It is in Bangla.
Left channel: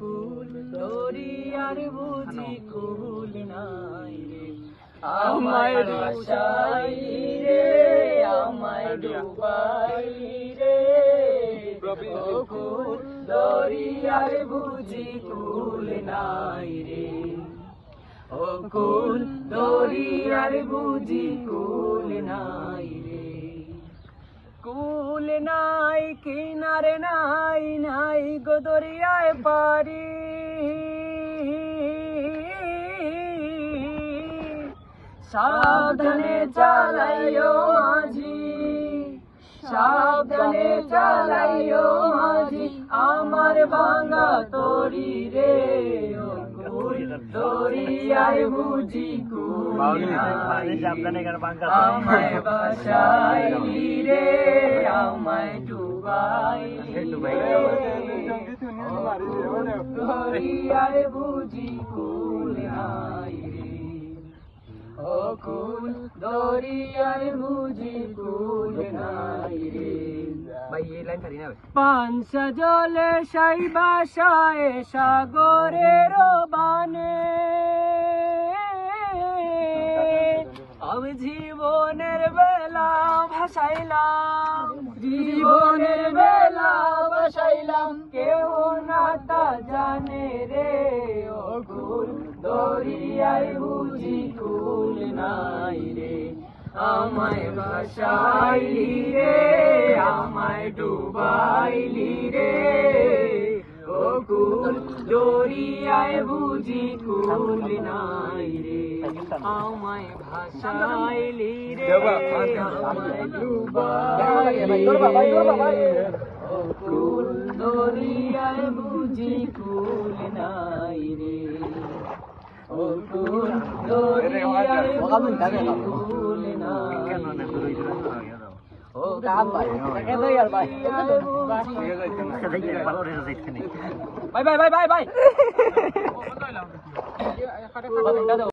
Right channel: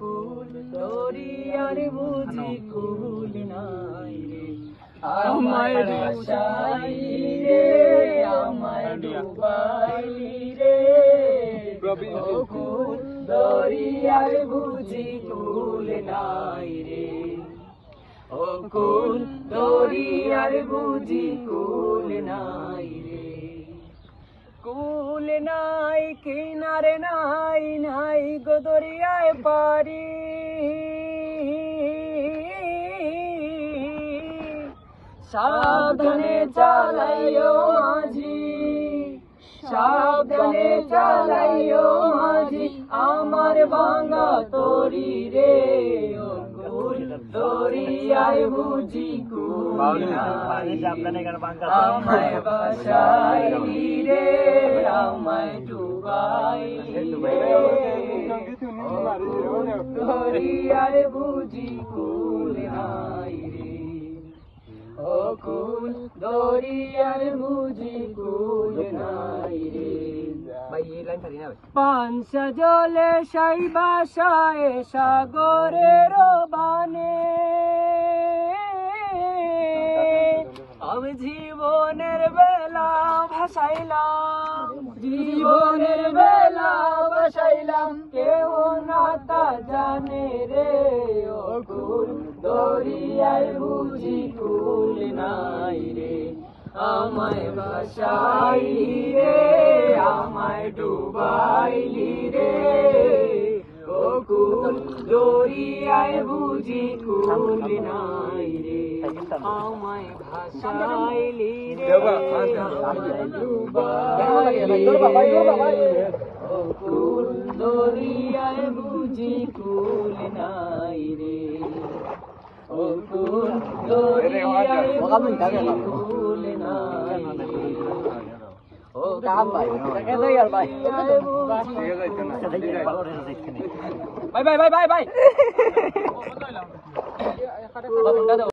কুল দরিয়ার বুঝি কুল নাই রে, আমায় ভাসাইলি রে, আমায় ডুবাইলি রে। কুল দরিয়ার বুঝি কুল নাই রে, কুল দরিয়ার বুঝি কুল নাই রে। কুল নাই কিনারে নাই, নাই গো দরিয়ায় পারি, সাবধানে চালাইও মাঝি, সাবধানে চালাইও মাঝি, আমার ভাঙা তরি রে। দরিয়ায় বুঝি কুল নাই, আমায় ভাসাইলি রে, আমায় ডুবাইলি রে। দরিয়ায় বুঝি কুল নাই রে, ও কুল দরিয়ায় বুঝি কুল নাই রে। পানসা জলে সাই বাসায় সাগরের বানে, আমি জীবনের বেলা ভাসাইলাম, জীবনের বেলা ভাসাইলাম, কেউ না তা জানে রে। ও কুল দরিয়ায় বুঝি কুল নাই রে, আমায় ভাসাইলি রে, আমায় ডুবাইলি রে। ও কুল দরিয়ায় বুঝি কুল নাই রে, আমায় ভাসাইলি রে, আমায় ডুবাইলি রে। কুল দরিয়ায় বুঝি কুল নাই রে, ও কুল দরিয়ায় বুঝি কুল নাই রে। ভাই ভাই ভাই ভাই ভাই